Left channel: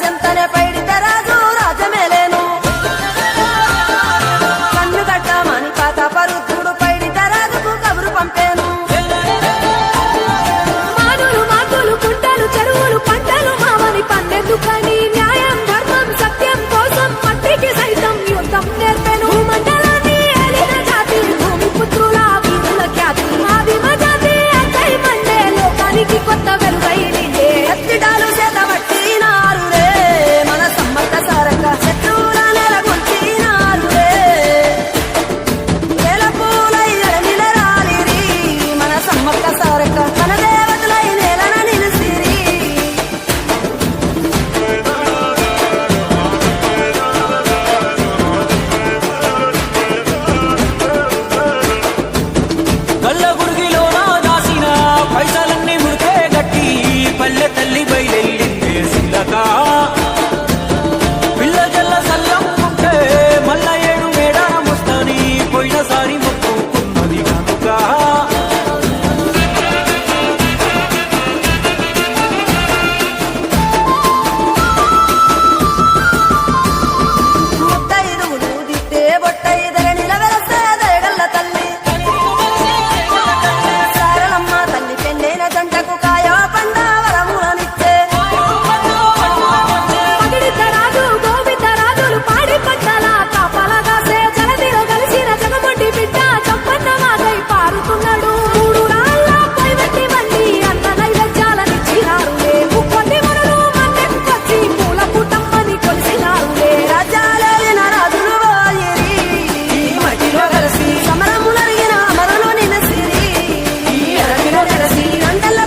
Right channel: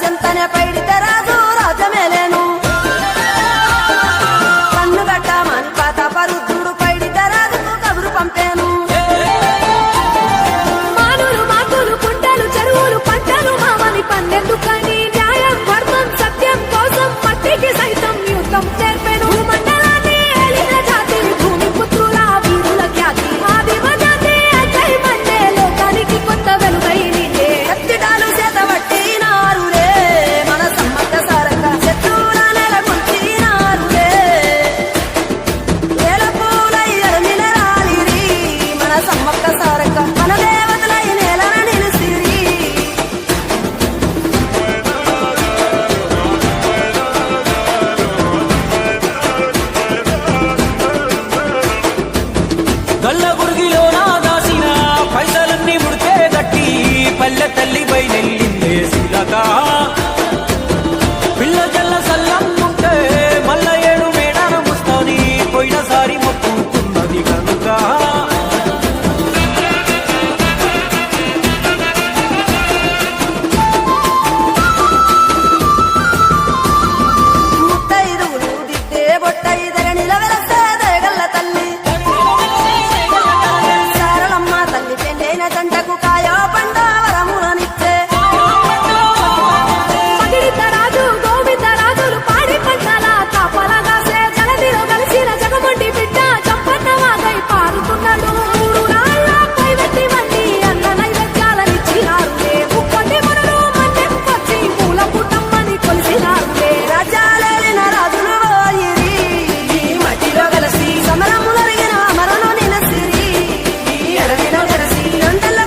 చెంతనే పైడితే రాజు రాజమేలేను కన్ను గట్టమని పాతాపరుద్రుడు పైడితే రాజుకు కబురు పంపేను మానులు మాకులు కుంటలు చెరువులు పంటలు మావని పన్నెందుకని న్యాయం ధర్మం సత్యం కోసం మట్టికి సైతం యుద్ధం నేర్పెను మండలాన్ని ఏలిన జాతి భూమి పుత్రుల వీరుల ఖ్యాతి ఆదిమ జాతి అక్కై మండే లోకానికి కొత్త వెలుగై నిండే కత్తిడాలు చేతబట్టినారులే మన సమ్మక్క సారక్క శత్రువుల నెలగొల్చినారులే వేల పూలై ఎడమిలరాలిరి మన సమ్మక్క సారక్క మన దేవతలై నేలన నిలిసిరి గల్ల గురిగిలోనా దాసిన పైసలన్నీ ముడిపే గట్టి పల్లె తల్లి బయలెల్లిందే శిలక పిల్ల జల్ల సల్లం ఉంటే మల్ల ఏడు మేడాన ముస్తాని పోయినసారి మొక్కుకున్నది గనుక ముత్తైదువులు దిద్దే బొట్టైదర నిలవెలసే దయగల్ల తల్లి సారలమ్మ తల్లి పెళ్ళైన జంటకు కాయో పండావరములనిచ్చే పగిడితరాజు గోవిందరాజులు పాడి పంటల కాపలగాసే జలదిలో కలిసిన జగమండి బిడ్డ చంపన్న వాగై పారుతున్నాడు మూడు రాళ్ళ పైవెట్టి వండి అన్న నైవేద్యాలనిచ్చినారులే ముక్కొండి మునులు మన్నెంకొచ్చి మూల పుట్టమ్మని కొలిసినారులే రాజ్యాలేలిన రాజులు పోయిరి మట్టిలో కలిసి సమరములరిగిన అమరులు నినసిరి ఎరమిన నెరసి రెండెళ్ళ